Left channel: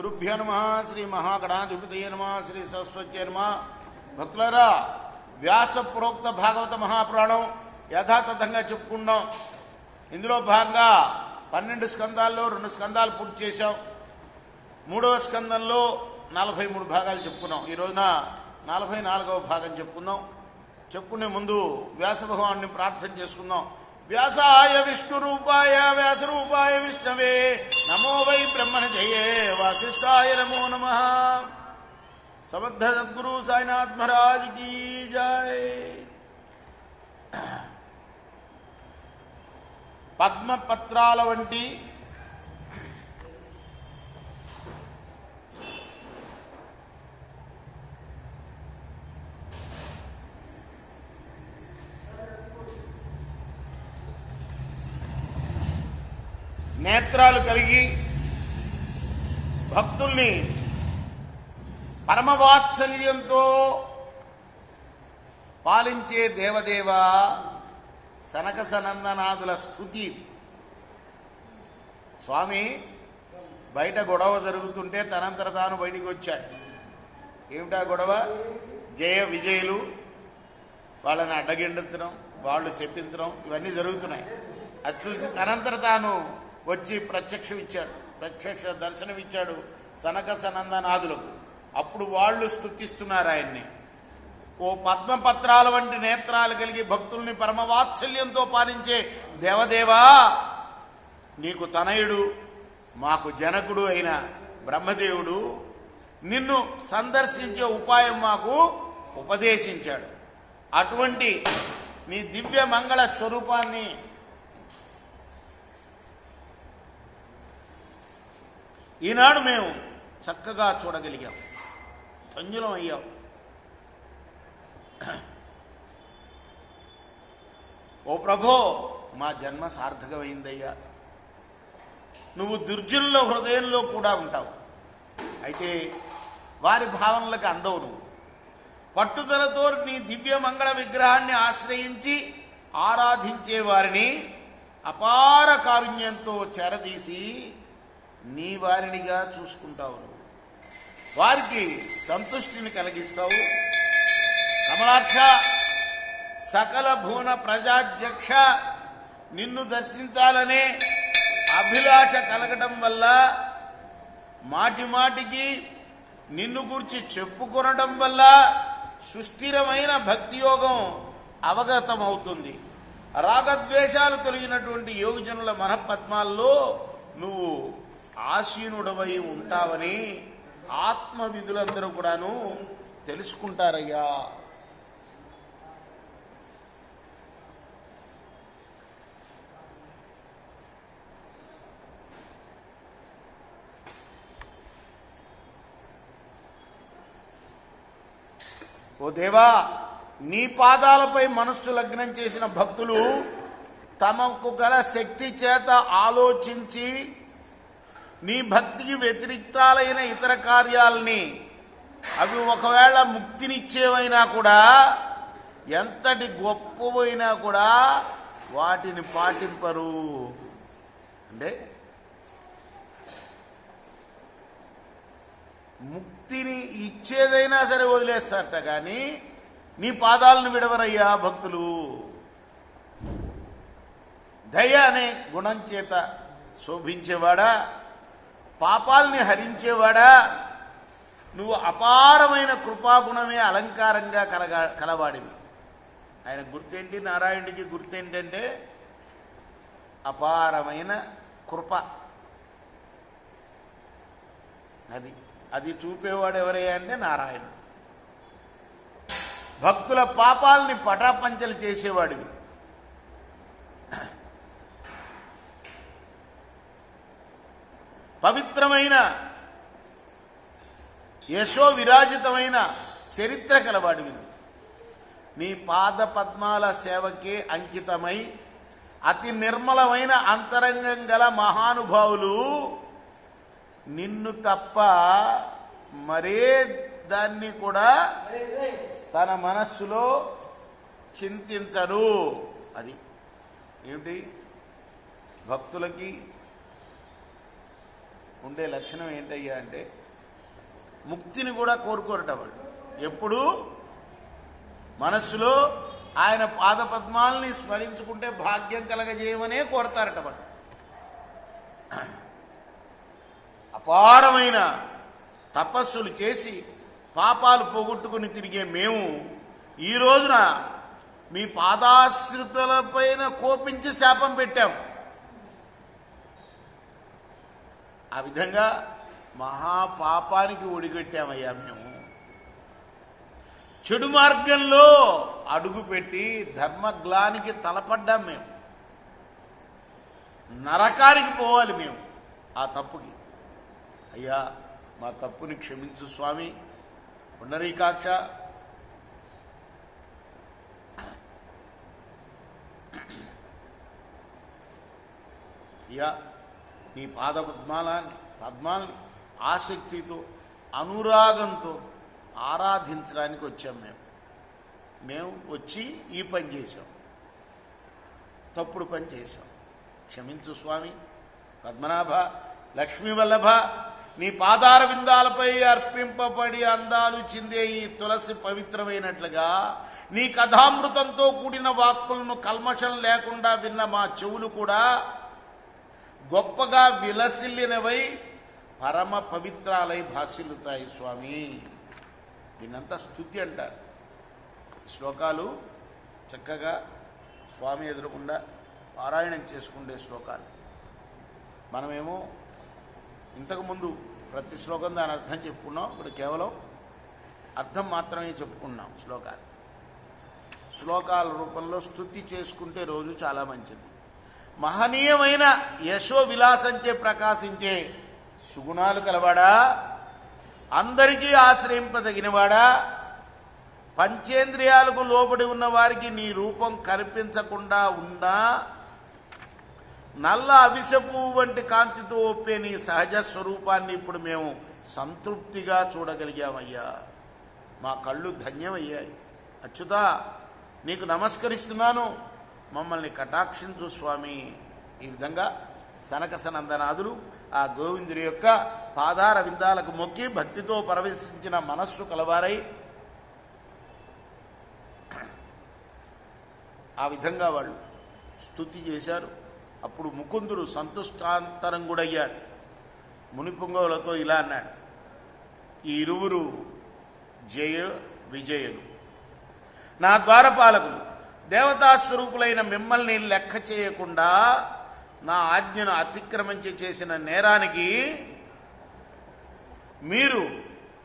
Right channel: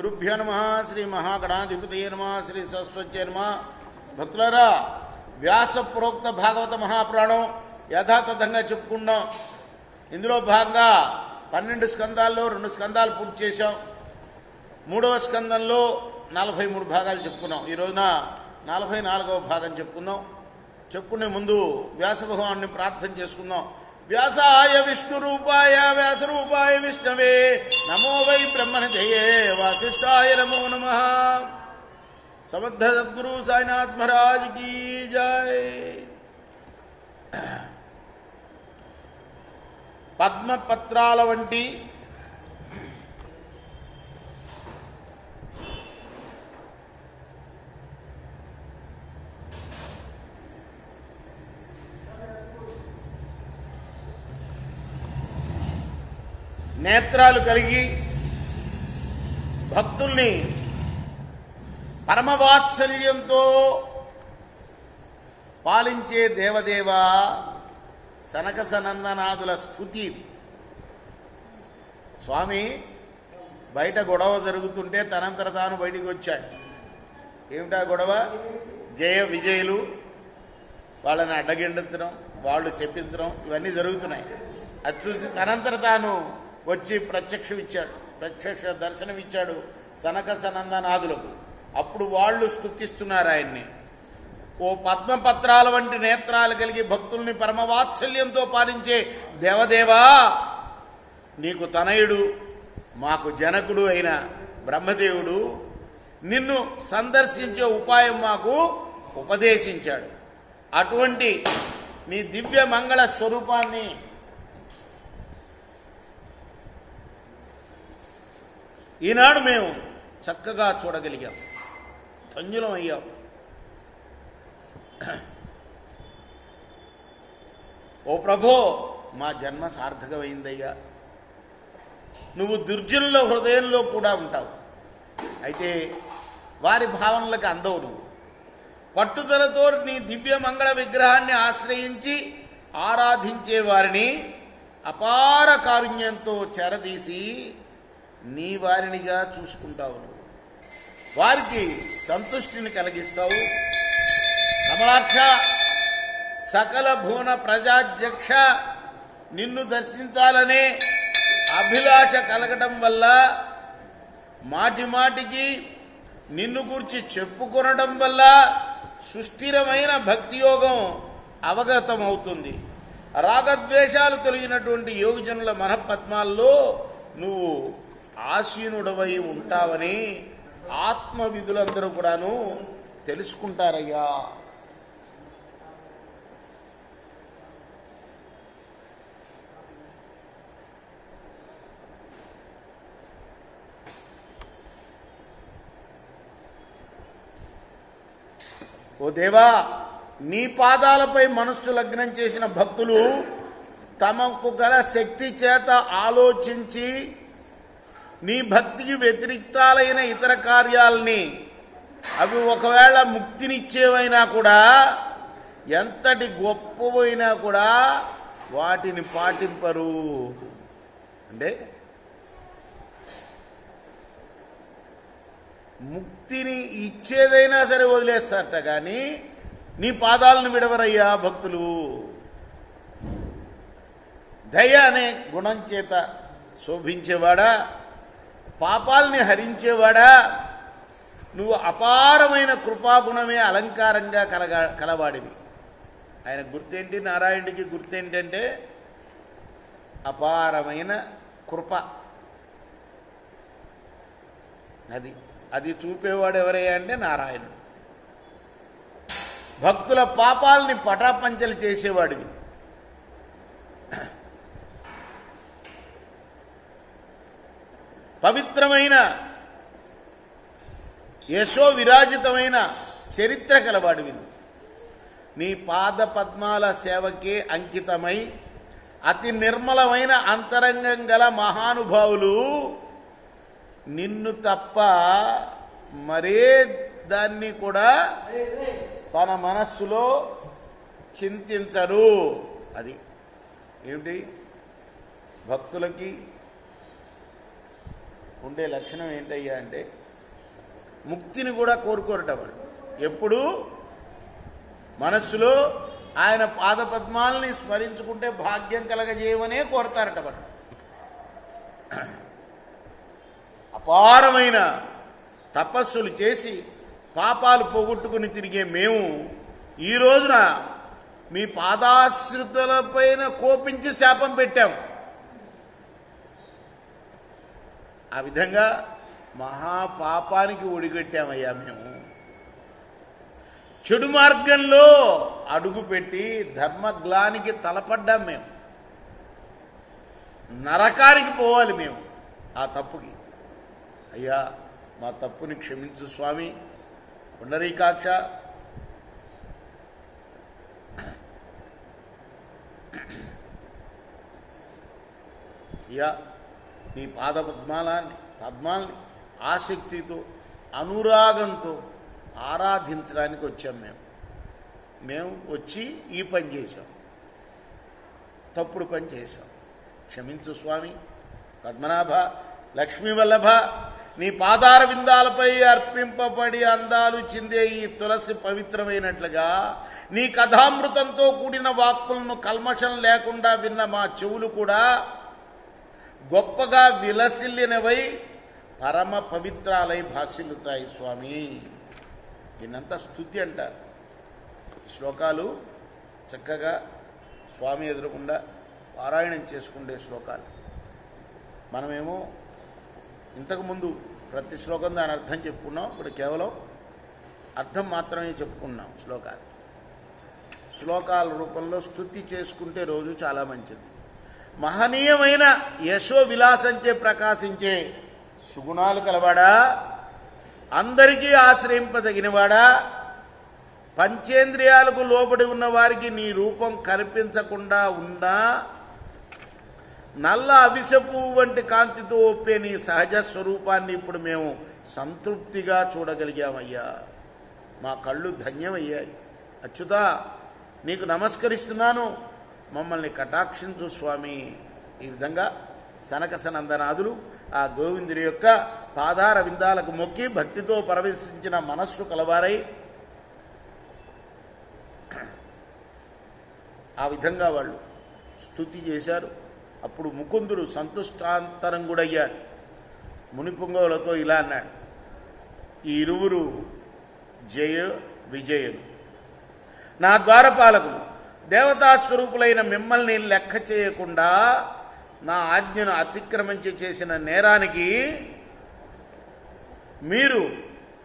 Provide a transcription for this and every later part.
గురుభ్యో నమః. శ్రీ మహాగణాధిపతయే నమః. శ్రీ సరస్వత్యే నమః. భక్తులారా, వ్యాస ప్రోక్త భాగవత మహాపురాణం యథాతథంగా చెప్పుకున్నాం. ఇందులో భాగంగా 12 స్కందాల్లో 2 స్కందాలు పూర్తి చేశాం. 3వ స్కందంలో 43 భాగాలు చెప్పుకున్నాం. ఈ రోజున 44వ భాగం చెప్పుకుందాం. చెప్పుకునే ముందు వ్యాస భగవాన్ని ప్రార్థన చేసుకుందాం. వ్యాసాయ విష్ణురూపాయ వ్యాసరూపాయ విష్ణవే నమో వై బ్రహ్మణజయే వాసిష్ఠాయ నమో నమః. సమర్థ సద్గురు సాయినాథ్ మహారాజ్ కీ జై. పద్మపత్రాల వంటి నేత్రాలు కలిగి భక్తుల్ని పరమవాత్సల్యంతో పాలించే దేవదేవ సనక సనందనాథుల స్తుతి. స్వామి బయట గొడవ జరుగుతుంటే తనంతర తాను బయటికి వచ్చాడు. ఏమిటా గొడవ? జయ విజయులు వాళ్ళని అడ్డగిండించడం, వాళ్ళు చెప్పించడం, ఇవన్నీ జరుగుతున్నాయి. అది చూసి తనంతర తాను వచ్చి ప్రత్యక్ష దర్శనమిచ్చాడు సనక సనందనాథులకు. అప్పుడు వాళ్ళు స్తుతిస్తున్నారు ఆయన్ని. ఓ పద్మపత్రాల వంటి నేత్రాలు కలిగి భక్తుల్ని పరమవాత్సల్యంతో పాలించే దేవదేవా, నీకు తనయుడు మాకు జనకుడు అయిన బ్రహ్మదేవుడు నిన్ను సందర్శించే ఉపాయం మాకు ఉపదేశించాడు. అటువంటి నీ దివ్య మంగళ స్వరూపాన్ని ఈనాడు మేము చక్కగా చూడగలిగాం, ధన్యులం అయ్యాం. ఓ ప్రభో, మా జన్మ సార్థకమైందయ్యా. నువ్వు దుర్జనుల హృదయంలో కూడా ఉంటావు. అయితే వారి భావనలకు అందవు. నువ్వు పట్టుదలతో నీ దివ్య మంగళ విగ్రహాన్ని ఆశ్రయించి ఆరాధించే వారిని అపార కారుణ్యంతో చేరదీసి నీ వారినిగా చూసుకుంటావు. వారికి సంతృష్టిని కలిగిస్తావు. కమలాక్ష, సకల భువన ప్రజాధ్యక్ష, నిన్ను దర్శించాలనే అభిలాష కలగటం వల్ల మాటి మాటికి నిన్ను గురించి చెప్పుకొనడం వల్ల సుస్థిరమైన భక్తి యోగం అవగతమవుతుంది. రాగద్వేషాలు తొలగినటువంటి యోగజనుల మనపద్మాల్లో నువ్వు ఆసీనుడవై ఉంటావని ఆత్మవిధులందరూ కూడాను తెలుసుకుంటారయ్యా. ఓ దేవా, నీ పాదాలపై మనస్సు లగ్నం చేసిన భక్తులు తమకు గల శక్తి చేత ఆలోచించి నీ భక్తికి వ్యతిరిక్తాలైన ఇతర కార్యాలని, అవి ఒకవేళ ముక్తినిచ్చేవైనా కూడా, ఎంతటి గొప్పవైనా కూడా వాటిని పాటింపరు. అంటే ముక్తిని ఇచ్చేదైనా సరే వదిలేస్తారట, కానీ నీ పాదాలను విడవరయ్యా భక్తులు. దయ అనే గుణం చేత శోభించేవాడా, పాపాలని హరించేవాడా, నువ్వు అపారమైన కృపాగుణమే అలంకారంగా కలవాడివి. ఆయన గుర్తేంటి? నారాయణుడికి గుర్తేంటంటే అపారమైన కృప. అది చూపేవాడు ఎవరయ్యా అంటే నారాయణుడు. భక్తుల పాపాలని పటాపంచలు చేసేవాడివి. పవిత్రమైన యశో విరాజితమైన చరిత్ర కలవాడివి. నీ పాద పద్మాల సేవకే అంకితమై అతి నిర్మలమైన అంతరంగం గల మహానుభావులు నిన్ను తప్ప మరే దాన్ని కూడా తన మనస్సులో చింతించరు. అది ఏమిటి? భక్తులకి ఉండే లక్షణం ఏంటయ్యా అంటే ముక్తిని కూడా కోరుకోరట వాళ్ళు. ఎప్పుడు మనస్సులో ఆయన పాదపద్మాలని స్మరించుకుంటే భాగ్యం కలగజేయమనే కోరతారట వాళ్ళు. అపారమైన తపస్సులు చేసి పాపాలు పోగొట్టుకుని తిరిగే మేము ఈ రోజున మీ పాదాశ్రితులపైన కోపించి శాపం పెట్టాం. ఆ విధంగా మహాపాపానికి ఒడిగట్టామయ్యా మేము. చెడు మార్గంలో అడుగుపెట్టి ధర్మగ్లానికి తలపడ్డాం మేము. నరకానికి పోవాలి మేము ఆ తప్పుకి. అయ్యా మా తప్పుని క్షమించు స్వామి. పుండరీకాక్ష అయ్యా నీ పద్మాలని ఆసక్తితో అనురాగంతో ఆరాధించడానికి వచ్చాం మేము వచ్చి ఈ పని చేశాం, తప్పుడు పని చేశాం. క్షమించు స్వామి. పద్మనాభ లక్ష్మీ వల్లభ నీ పాదార విందాలపై అర్పింపబడి అందాలు చిందే ఈ తులసి పవిత్రమైనట్లుగా నీ కథామృతంతో కూడిన వాక్కులను కల్మషం లేకుండా విన్న మా చెవులు కూడా గొప్పగా విలసిల్లినవై పరమ పవిత్రాలై భాసిల్లుతాయి స్వామి. దీన్నంతా స్తుతి అంటారు. శ్లోకాలు చక్కగా స్వామి ఎదురకుండా పారాయణం చేసుకుండే శ్లోకాలు. మనమేమో ఇంతకుముందు ప్రతి శ్లోకం దాని అర్థం చెప్పుకున్నాం. ఇప్పుడు కేవలం అర్థం మాత్రమే చెప్పుకున్నాం. శ్లోకాల రూపంలో స్తుతి చేసుకుంటే రోజు చాలా మంచిది. మహనీయమైన యశో విలాసంచే ప్రకాశించే సుగుణాలు కలవాడా, అందరికీ ఆశ్రయింపదగినవాడా, పంచేంద్రియాలకు లోబడి ఉన్న వారికి నీ రూపం కనిపించకుండా ఉన్నా నల్ల అవిసెపు వంటి కాంతితో ఒప్పే నీ సహజ స్వరూపాన్ని ఇప్పుడు మేము సంతృప్తిగా చూడగలిగామయ్యా. మా కళ్ళు ధన్యమయ్యాయి. అచ్యుతా నీకు నమస్కరిస్తున్నాను, మమ్మల్ని కటాక్షించు స్వామి. ఈ విధంగా సనక సనందనాదులు ఆ గోవిందుడి యొక్క పాదార విందాలకు మొక్కి భక్తితో పరవశించిన మనస్సు కలవారై ఆ విధంగా వాళ్ళు స్తుతి చేశారు. అప్పుడు ముకుందుడు సంతుష్టాంతరంగుడయ్యాడు. మునిపుంగవులతో ఇలా అన్నాడు, ఈ ఇరువురు జయ విజయులు, నా ద్వారపాలకులు, దేవతాస్వరూపులైన మిమ్మల్ని లెక్క చేయకుండా నా ఆజ్ఞను అతిక్రమించి చేసిన నేరానికి మీరు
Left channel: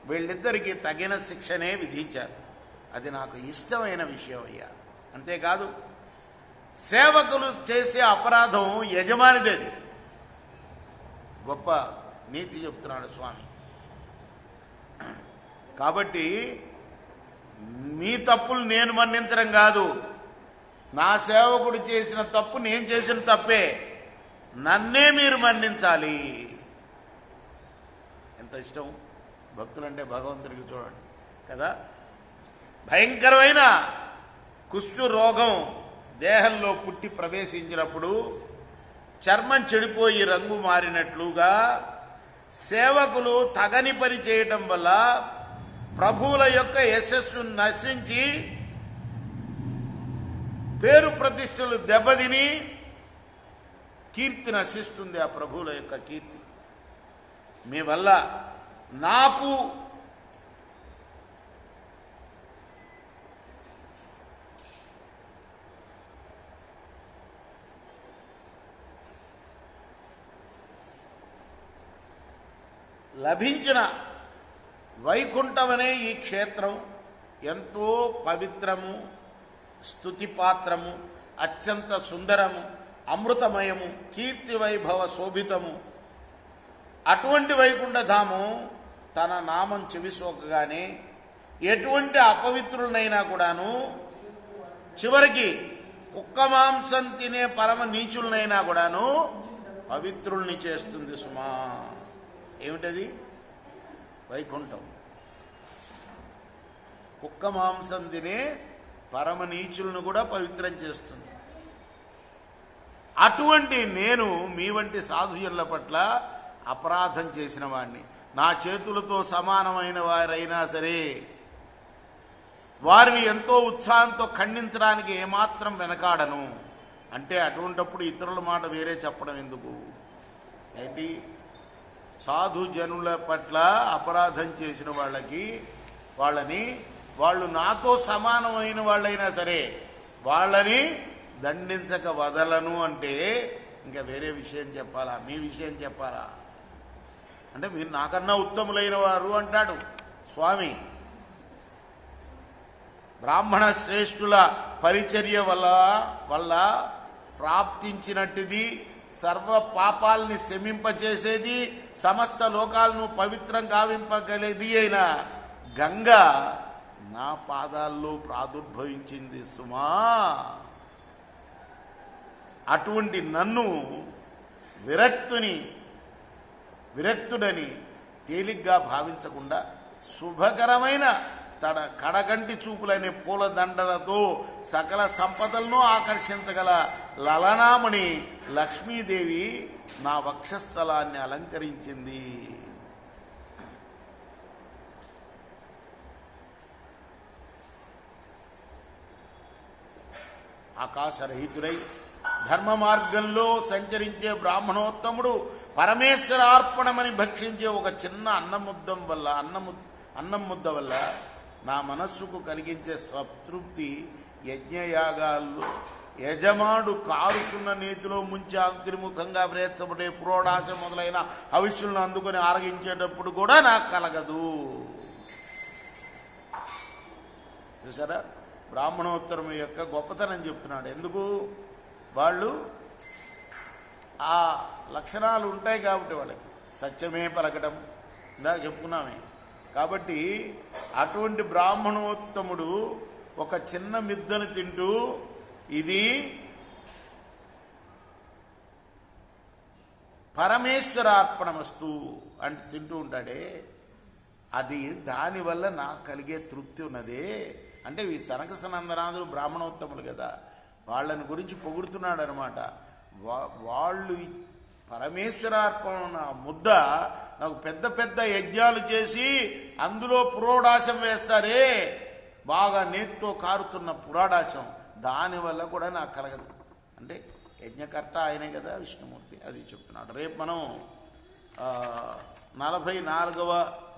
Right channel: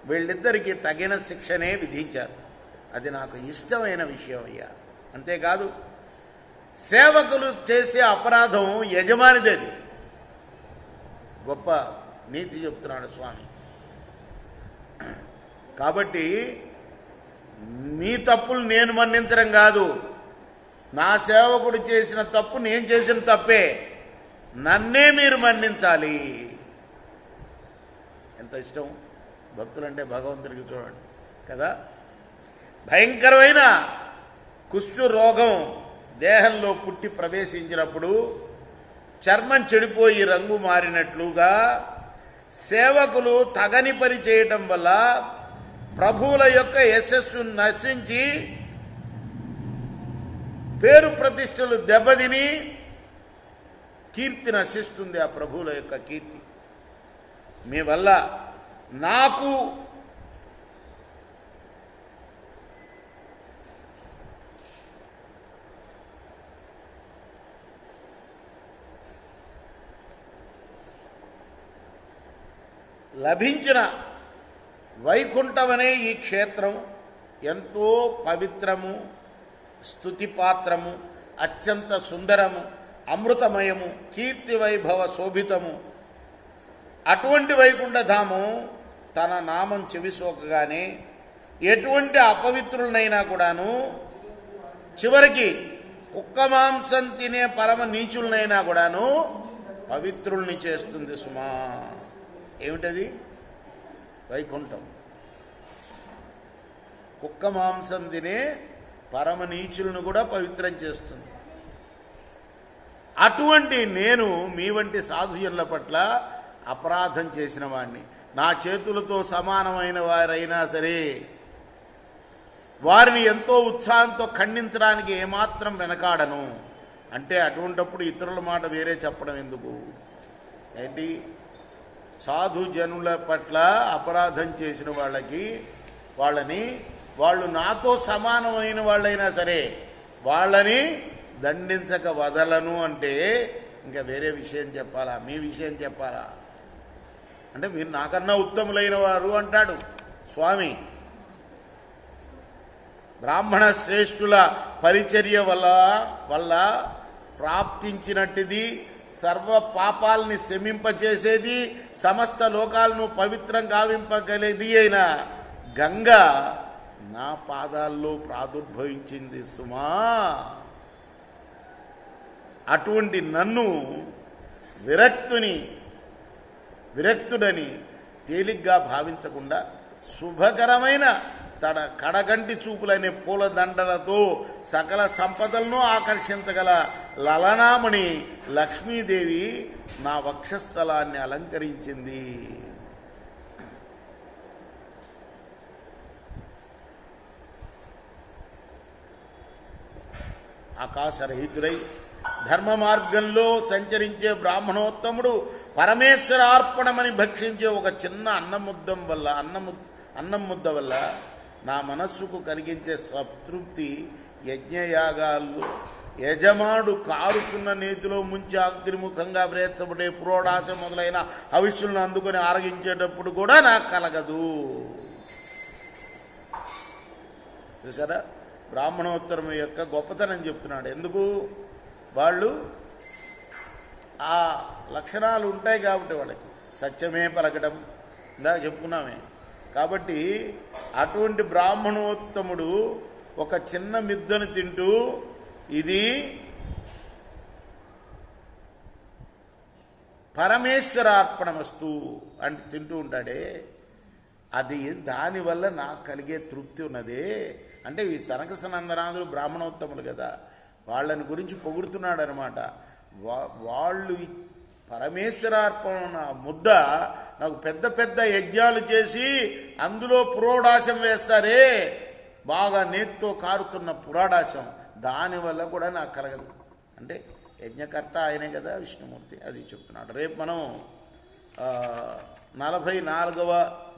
వీళ్ళిద్దరికీ తగిన శిక్షనే విధించారు. అది నాకు ఇష్టమైన విషయం అయ్యా. అంతేకాదు సేవకులు చేసే అపరాధం యజమానిదేది. గొప్ప నీతి చెప్తున్నాడు స్వామి. కాబట్టి మీ తప్పులు నేను మన్నించడం కాదు, నా సేవకుడు చేసిన తప్పు నేను చేసిన తప్పే, నన్నే మీరు మన్నించాలి. ఎంత ఇష్టం భక్తులంటే భగవంతుడికి చూడండి కదా. భయంకరమైన కుష్టు రోగం దేహంలో పుట్టి ప్రవేశించినప్పుడు చర్మం చెడిపోయి రంగు మారినట్లుగా సేవకులు తగని పని చేయటం వల్ల ప్రభువుల యొక్క యశస్సు నశించి పేరు ప్రతిష్టలు దెబ్బతిని కీర్తి నశిస్తుంది. ఆ ప్రభువుల యొక్క కీర్తి మీ వల్ల నాకు లభించిన వైకుంఠమనే ఈ క్షేత్రం ఎంతో పవిత్రము, స్తుతిపాత్రము, అత్యంత సుందరము, అమృతమయము, కీర్తి వైభవ శోభితము. అటువంటి వైకుంఠధామం తన నామం చెవిసోకగానే ఎటువంటి అపవిత్రులనైనా కూడాను, చివరికి కుక్క మాంసం తినే పరమ నీచులనైనా కూడాను పవిత్రుల్ని చేస్తుంది సుమా. ఏమిటది? వైకుంఠం. కుక్క మాంసం తినే పరమ నీచులను కూడా పవిత్రం చేస్తుంది. అటువంటి నేను మీ వంటి సాధుజనుల పట్ల అపరాధం చేసిన వాడిని, నా చేతులతో సమానమైన వారైనా సరే వారిని ఎంతో ఉత్సాహంతో ఖండించడానికి ఏమాత్రం వెనకాడను అంటే, అటువంటప్పుడు ఇతరుల మాట వేరే చెప్పడం ఎందుకు? ఏంటి, సాధు జనుల పట్ల అపరాధం చేసిన వాళ్ళని వాళ్ళు నాతో సమానమైన వాళ్ళైనా సరే వాళ్ళని దండించక వదలను అంటే ఇంకా వేరే విషయం చెప్పాలా? మీ విషయం చెప్పాలా? అంటే మీరు నాకన్నా ఉత్తములైన వారు అంటాడు స్వామి. బ్రాహ్మణ శ్రేష్ఠుల పరిచర్య వల్ల ప్రాప్తించినట్టుది, సర్వ పాపాలని శమింపచేసేది, సమస్త లోకాలను పవిత్రం గావింపగలేది అయిన గంగ నా పాదాల్లో ప్రాదుర్భవించింది సుమా. అటువంటి నన్ను విరక్తుడని తేలిగ్గా భావించకుండా శుభకరమైన తన కడగంటి చూపులనే పూల దండలతో సకల సంపదలను ఆకర్షించగల లలనామణి లక్ష్మీదేవి నా వక్షస్థలాన్ని అలంకరించింది. ఆకాశరహితుడై ధర్మ మార్గంలో సంచరించే బ్రాహ్మణోత్తముడు పరమేశ్వరార్పణమని భక్షించే ఒక చిన్న అన్నం ముద్ద వల్ల నా మనస్సుకు కలిగించే సంతృప్తి యజ్ఞయాగాల్లో యజమానుడు కారుతున్న నేతిలో ముంచి అగ్నిముఖంగా ప్రేర్చబడే పురోడాశం మొదలైన హవిష్యులను అందుకొని ఆరగించేటప్పుడు కూడా నాకు కలగదు. చూసారా, బ్రాహ్మణోత్తరం యొక్క గొప్పతనం చెప్తున్నాడు. ఎందుకు? వాళ్ళు ఆ లక్షణాలు ఉంటాయి కాబట్టి, వాళ్ళకి సత్యమే పలకడం ఇందాక చెప్పుకున్నామే. కాబట్టి అటువంటి బ్రాహ్మణోత్తముడు ఒక చిన్న మిద్దను తింటూ ఇది పరమేశ్వరార్పణమస్తు అంటే తింటూ ఉంటాడే, అది దానివల్ల నాకు కలిగే తృప్తి ఉన్నదే. అంటే ఈ సనక సనందనాథులు బ్రాహ్మణోత్తములు కదా, వాళ్ళని గురించి పొగుడుతున్నాడు అనమాట. వాళ్ళు పరమేశ్వరార్పణ ముద్ద నాకు పెద్ద పెద్ద యజ్ఞాలు చేసి అందులో పురోడాశం వేస్తారే, బాగా నేత్తో కారుతున్న పురాడాశం, దానివల్ల కూడా నాకు కలగదు. అంటే యజ్ఞకర్త ఆయనే కదా విష్ణుమూర్తి, అది చెప్తున్నాడు. రేపు మనం 44వ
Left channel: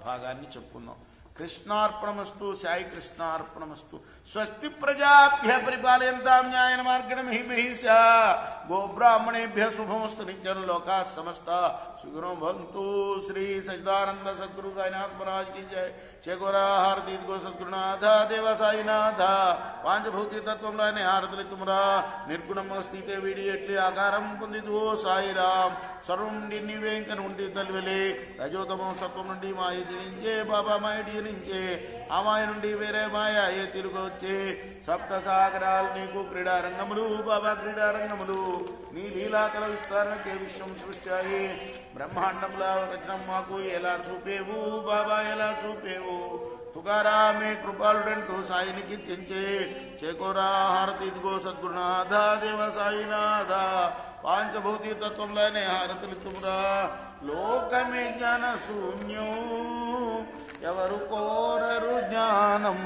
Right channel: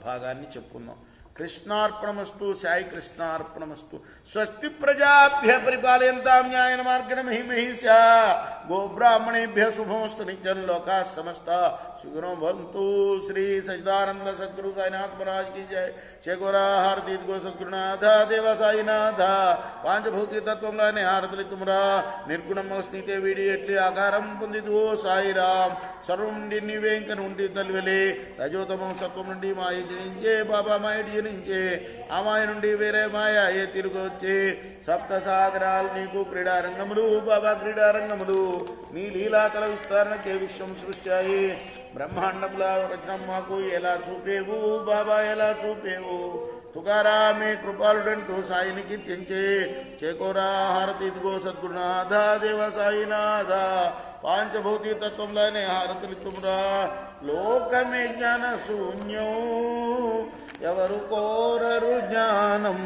భాగాన్ని చెప్పుకుందాం. కృష్ణార్పణమస్తు. సాయి కృష్ణార్పణమస్తు. స్వస్తి ప్రజాభ్య పరిపాలయంతాం న్యాయేన మార్గేణ మహిమహీషా గోబ్రాహ్మణేభ్య శుభమస్తు. నిత్యం లోకాః సమస్తా సుఖినో భవంతు. శ్రీ సచిదానంద సద్గురు సాయినాథ్ మహారాజ్ की जय. చేకోరా హారతి గో సద్గురునాథ దేవ సాయినాథ. పాంచభౌతిక తత్వంలోని హారతులు తుమ్రా నిర్గుణమ స్థితే వీడి ఎట్లి ఆకారం పొందిదు ఓ సాయిరాం. సర్వం నుండి నీవే ఇంక నుండి తల్లివెలే రజోతమం సత్వం నుండి మాయటి నుంచే బాబా మాయటి నుంచే ఆ మాయ నుండి వేరే మాయ ఏ తిరుగు వచ్చే సప్త సాగరాలు నీకు క్రీడారంగములు బాబా క్రీడారంగములు. నీ లీలాతల విస్తరణకే విశ్వం సృష్టాయి. బ్రహ్మాండముల రచనం మాకు ఎలా చూపేవు బాబా ఎలా చూపేవు. తుకారామే కృపాలుడంటూ సాయిని కీర్తించే చేకోరా హారతి ఇదిగో సద్గురునాథ దేవ సాయినాథ. పాంచభౌతిక తత్వంలోనే హారతులు తుమ్రా. లోకమే జ్ఞాన శూన్యం ఎవరు కోరరు జ్ఞానం.